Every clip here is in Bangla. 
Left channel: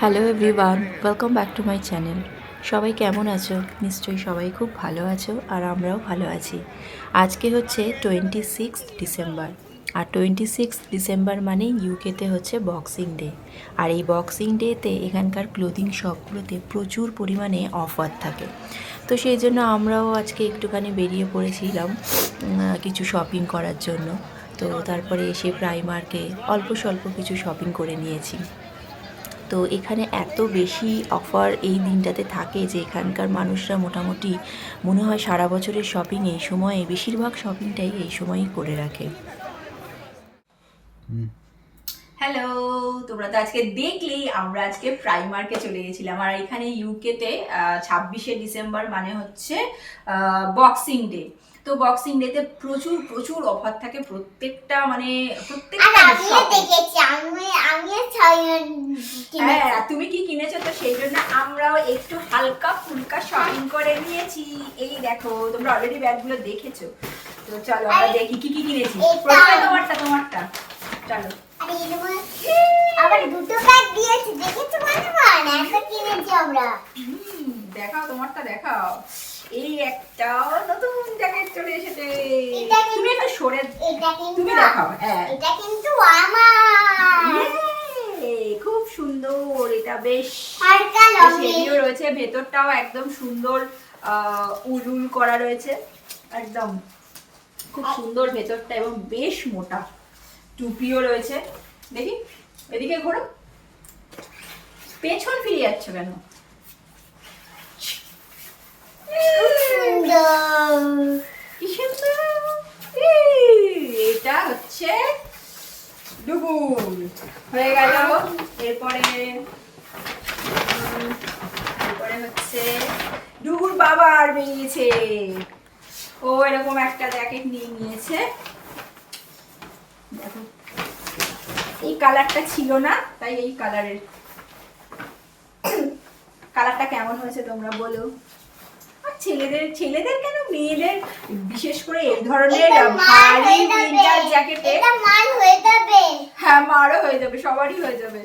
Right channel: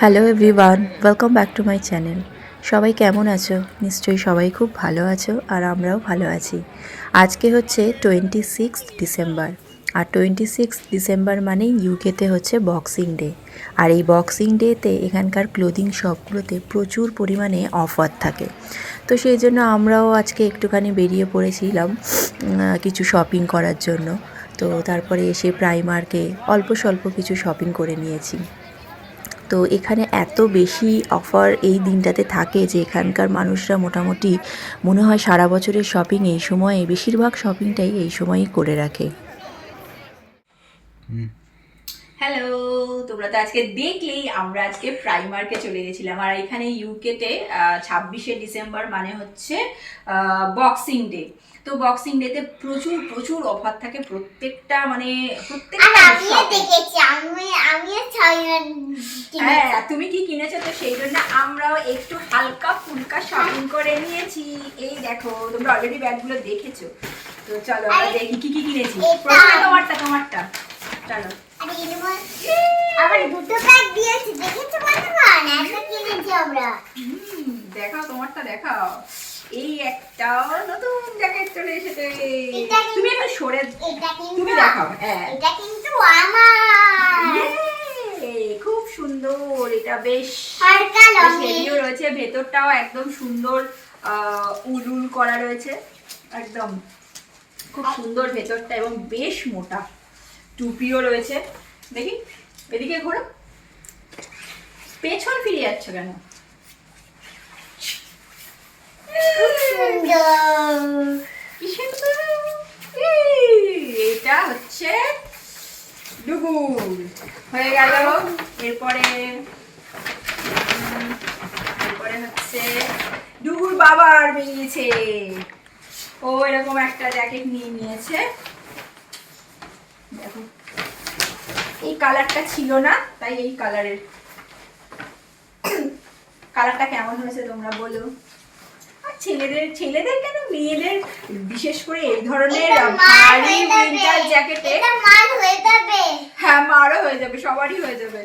Hello everyone, welcome back to my channel. সবাই কেমন আছো? নিশ্চয়ই সবাই খুব ভালো আছো, আর আমরাও ভালো আছি। আজকে হচ্ছে 26 ডিসেম্বর, আর 26 ডিসেম্বর মানেই ইউকেতে হচ্ছে বক্সিং ডে। আর এই বক্সিং ডেতে এখানকার ক্লোদিং শপগুলোতে প্রচুর পরিমাণে অফার থাকে। তো সেই জন্য আমরাও আজকে একটুখানি বেরিয়ে পড়েছিলাম কিছু শপিং করার জন্য। তো তারপরে এসে প্রাইমার্কে অল্প স্বল্প কিছু শপিং করে নিয়েছি। তো এখানে এত বেশি অফার এই দিনটাতে থাকে যে এখানকার মানুষরা মোটামুটি মনে হয় সারা বছরের শপিং এই সময়ে, বেশিরভাগ শপিংটাই এই সময়ই করে রাখে। হ্যালো, তোমরা তো আজকে দেখলেই আমরা আজকে প্রাইমার্কে চলে গেছিলাম। আর এখানে ইউকেতে 26 ডিসেম্বর মানে হচ্ছে বক্সিং ডে। তো বক্সিং ডেতে প্রচুর প্রচুর অফার থাকে প্রত্যেকটা মানে প্রত্যেকটা শপে। হ্যাঁ, তুমি কি কিনেছো? তো সেই জন্য আমরাও একটু হালকা ফুলকা শপিং করে নিয়েছি। এই দেখো, তোমরা অলরেডি ব্যাগগুলো দেখেছো। তো চলো আমরা দেখি কি কি কিনেছি। প্রথমে তোমারটা চলো। আবার দুটো ব্যাগ দিয়েছে, দেখেছো বন্ধুগণ? একটা কিনেছি আমরা। দেখাও তোমারটা, দেখাও। এই একটা নতুন জ্যাকেট চলে এসেছে। তুমি একটু সরে, তুমি দেখাও। হ্যাঁ, এটা কিন্তু আমার। খুব সুন্দর। এটা বেশ হালকা হেভিও রয়েছে, ভেতরটাও একদম সুন্দর উল উল করা রয়েছে। একদম খুব সুন্দর ভেতরটা এবং বেশ মোটা। টুপিও রয়েছে। দেখি এদিকে ঘোরো, পেছন ফিরে যাচ্ছ কেন? কি সুন্দর। এটা হচ্ছে ডুগুর হয়ে গেল। এরপরে এরপরে হচ্ছে ডুগুর বাবার বেরিয়েছে। ও এরকম একটা জ্যাকেট নিয়ে নিয়েছে। দেখো, এই কালারটা ছিল না, তাই এই কালারের। কালারটা কেমন হয়েছে তোমরা বলো। আর ছেলেদের ছেলেদের কেন, মেয়েদের বিশেষ করে এই ধরনের ভারী উইন্টার জ্যাকেটে মাল হয়ে যাবে। হ্যাঁ, মারও হয়ে যাবে, সবারই হয়ে যাবে।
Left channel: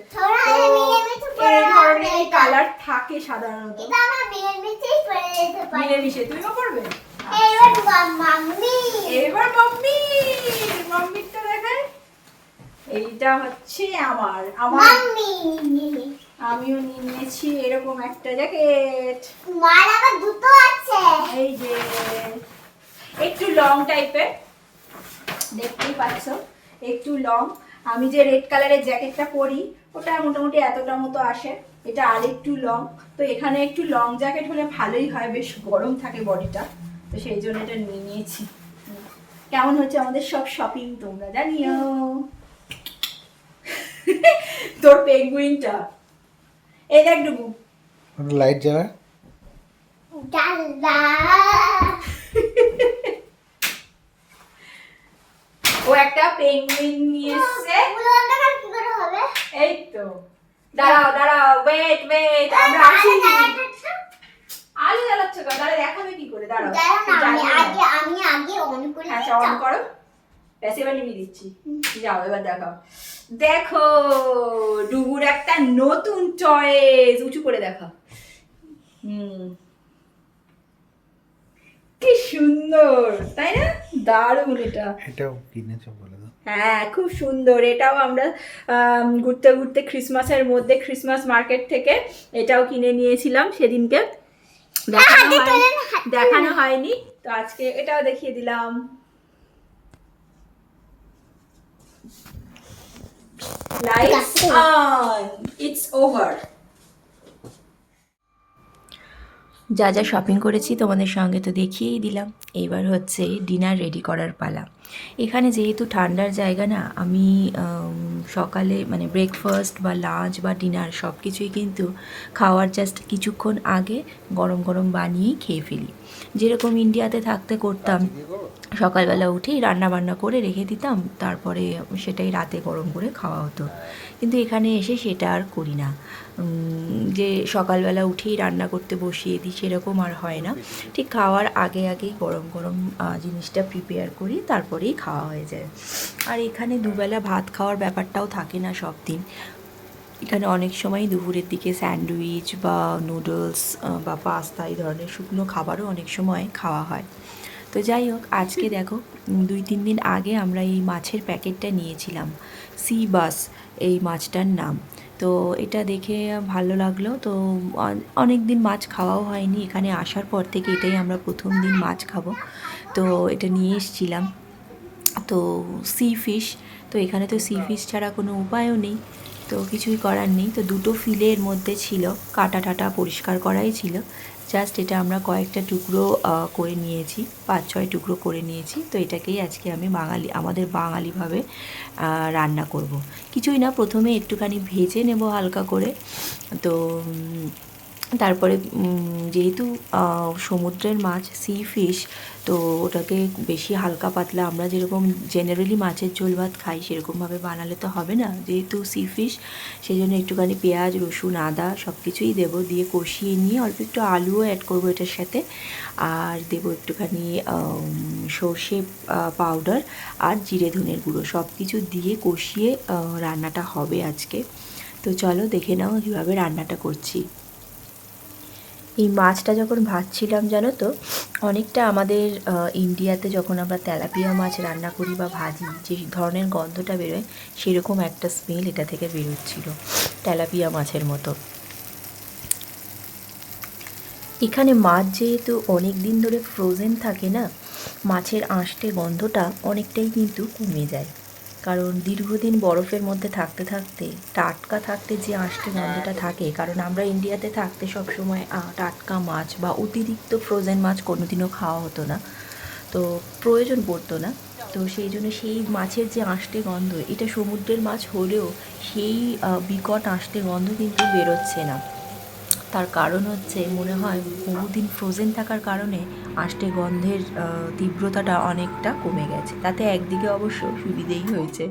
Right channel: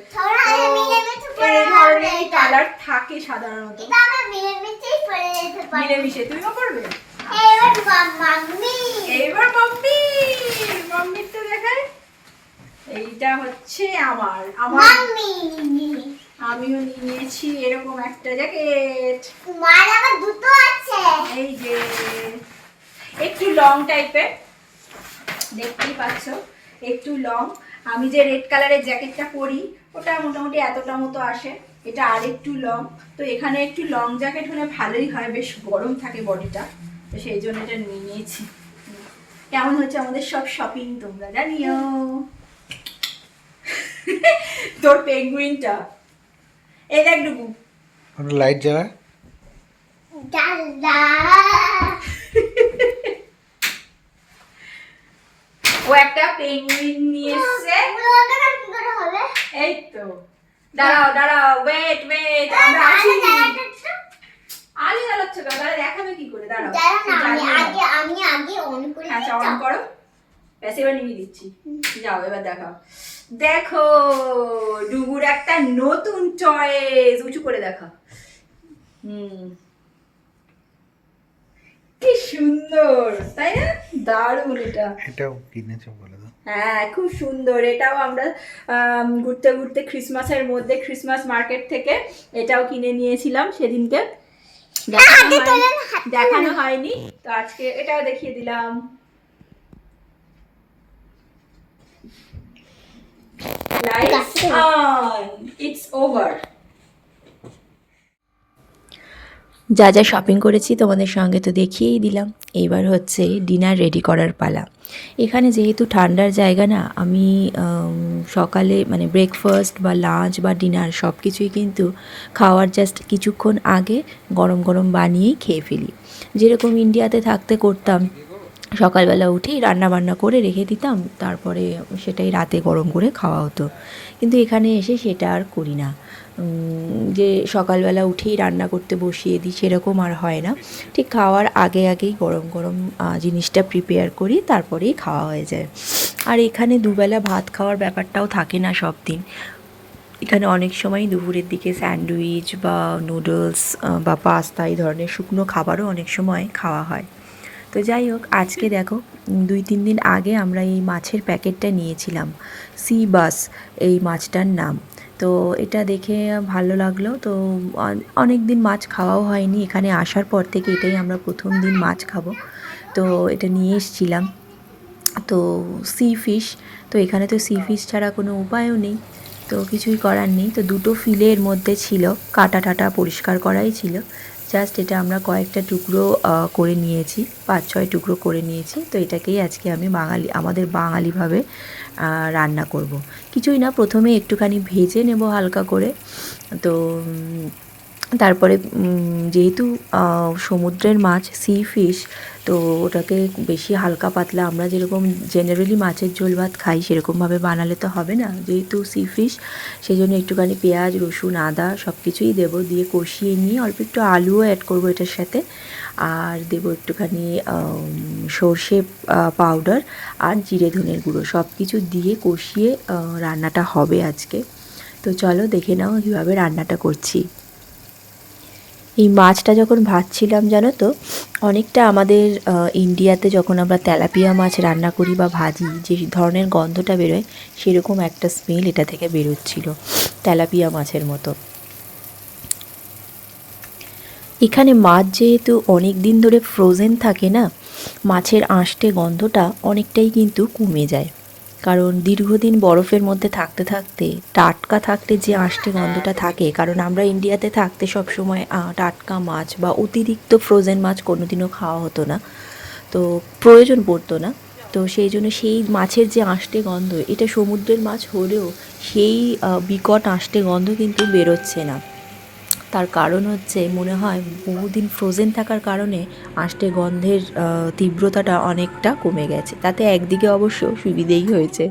তো এই ধরনের কালার থাকে সাধারণত। এটা আমরা মিলেমিশেই পরে যেতে পারি। মিলেমিশে তুমিও করবে। এবার মাম্মি, এবার মাম্মিটা দেখায়। এইটা হচ্ছে আমার আমার মাম্মি। আমিও নিয়ে নিয়েছি এরকম একটা জ্যাকেট। মার আবার দুটো আছে। এই যে একটু লং টাইপের, দেখতেই পাচ্ছ, একটু লং। আমি যে রেড কালারের জ্যাকেটটা পরি ওটা মোটামুটি এতটা মতো আসে, এটা আর একটু লং। তো এখানে একটু লং জ্যাকেট হলে ভালোই হয়, বেশ গরম থাকে বডিটা। তো সেই জন্য এটা নিয়ে নিয়েছি। কেমন হচ্ছে আমাদের সব শপিং তোমরা জানিও। তোর পেঙ্গুইনটা এই দেখ ডুবু, লাইট জ্বালা। দাদা ও একটা পেঙ্গুইন নিয়ে এসেছে। ওগুলো অন্ধকার কি করে হবে? এই তো, দাঁড়াও দাঁড়াও, ওয়েট ওয়েট, আমরা আছি। আলো জ্বালাচ্ছ কেন? তাহলে দেখাবে কি করে? দাঁড়াও, আমি আগে অন করে আচ্ছা অন করো। ব্যাস এবার নিভিয়ে দিচ্ছি। যাও এবার দেখাও। দেখো, ডুগুর একটা নতুন চয়েস। উঁচু করে দেখা। কি সুন্দর, তাই না? দারুণ এটা। এটাও কিনেছো বলে দাও। হ্যাঁ, খুব সুন্দর। এটাও আমরা ঘুরতে ঘুরতে ক্রিসমাসের মধ্যে ক্রিসমাস মার্কেট থেকে এটাও কিনে নিয়েছিলাম সেদিনকে। দেখানো হয়নি, তো আজকে এটাও দেখিয়ে দিলাম। Lights on, it's over. যা যা শপিং করেছি তোমাদের সঙ্গে তো দেখিয়েই দিলাম। এইবার হচ্ছে ডিনার রেডি করার পালা। এখানে যেহেতু ঠান্ডার জায়গা না, আমি সকালে মানে ব্রেকফাস্ট বা লাঞ্চ বা ডিনার সব কিছুই কিন্তু খাওয়ার জাস্ট কিছুক্ষণ আগে গরম গরম বানিয়েই খেয়ে ফেলি। যেরকম ইন্ডিয়াতে থাকতে করতাম, সকালবেলা উঠেই রান্না বান্না করে রেখে দিতাম, তারপরে সেটাই রাতে গরম করে খাওয়া হতো। কিন্তু এখানে এসে সেটা আর করি না। যে সকালবেলা উঠেই রান্না করতে বসিয়ে দিই সেরকম আর হয় না। ঠিক খাওয়ার আগে আগেই গরম গরম জিনিসটা প্রিপেয়ার করি, তারপরেই খাওয়া হয়ে যায়। আর এখানে দুবেলা ভাত খাওয়ার ব্যাপারটাও থাকে না সব দিন। এখানে অনেক সময় দুপুরের দিকে স্যান্ডউইচ বা নুডলস বা পাস্তা এই ধরনের শুকনো খাবারও অনেক সময় খাওয়া হয়। তো যাই হোক, আজকে দেখো 2-3 দিন আগে আমরা এই মাছের প্যাকেটটা নিয়েছিলাম, সি বাস এই মাছটার নাম। তো এটা দেখে ভালো লাগলো। তো অনেক দিন মাছ খাওয়াও হয়নি, এখানে আসার পর থেকে এটাই আমরা প্রথম দিন মাছ খাবো। তো এটা নিয়ে এসেছিলাম। তো সি ফিশ, তো এখানে তো সি ফিশ ছাড়া কোনো উপায়ও নেই, তো কিছুই করার নেই। তো দুটো ফিলের মধ্যে ছিল, কাটা টাটা পরিষ্কার করাই ছিল। জাস্ট এটা আমরা কয়েকটা টুকরো করে নিয়েছি, 5-6 টুকরো করে নিয়েছি। তো এটাকেই আজকে আমি আমাদের বাঙালিভাবে রান্না করব। কিছুই না, প্রথমে একটুখানি ভেজে নেব হালকা করে। তো তারপরে যেহেতু সমুদ্রের মাছ সি ফিশ, তো ওটাকে বেশি হালকা পাতলা আমরা যেরকম জেনারেলি মাছের ঝোল ভাত খাই সেরকমভাবে বানালে তো হবে না, যেহেতু সি ফিশ, সেই জন্য একটুখানি পেঁয়াজ রসুন আদা সব কিছুই দেবো, দিয়ে কষিয়ে নিয়ে অল্প একটু আলুও অ্যাড করবো এটার সাথে, আর দেবো একটুখানি সর্ষে পাউডার আর জিরে ধনের গুঁড়ো, সব কিছু দিয়ে কষিয়ে রান্নাটা হবে আজকে। তো চলো দেখে নাও কীভাবে রান্নাটা করছি। এই মাছটা যখন ভাজছিলাম জানো তো, অনেকটা আমাদের ইন্ডিয়াতে যখন আমরা তেলাপিয়া মাছ রান্না করি বা ভাজি যে ধরনের গন্ধটা বেরোয়, সেরকম একটা স্মেল এটা থেকে বেরোচ্ছিল, তেলাপিয়া মাছের মতো। এখানে মাছ যেহেতু অনেক দিন ধরে ফ্রোজেন থাকে না, মাছের আঁশটে গন্ধটা অনেকটাই কিন্তু কমে যায়। কারণ দীর্ঘদিন বরফের মধ্যে থাকতে থাকতে টাটকা থাকতে যে আঁশটে গন্ধটা থাকে, কারণ আমরা ইন্ডিয়াতে থাকতে সবসময় টাটকা মাছ বা অতিরিক্ত ফ্রোজেন মাছ কোনোদিনও খাওয়া হতো না, তো প্রয়োজন পড়তো না। তো সেই জন্য সেই মাছের যে আঁশটে গন্ধ, এটা সমুদ্রের মাছ হলেও সেই বিকট আঁশটে গন্ধ কিন্তু বেরোচ্ছে না। তার কারণ হচ্ছে মনে হয় বহুদিন ফ্রোজেন থাকার কারণে আঁশটে গন্ধের তীব্রতাটা অনেকটা কমে গেছে। তাতে একদিকে অবশ্য সুবিধেই হয়েছে।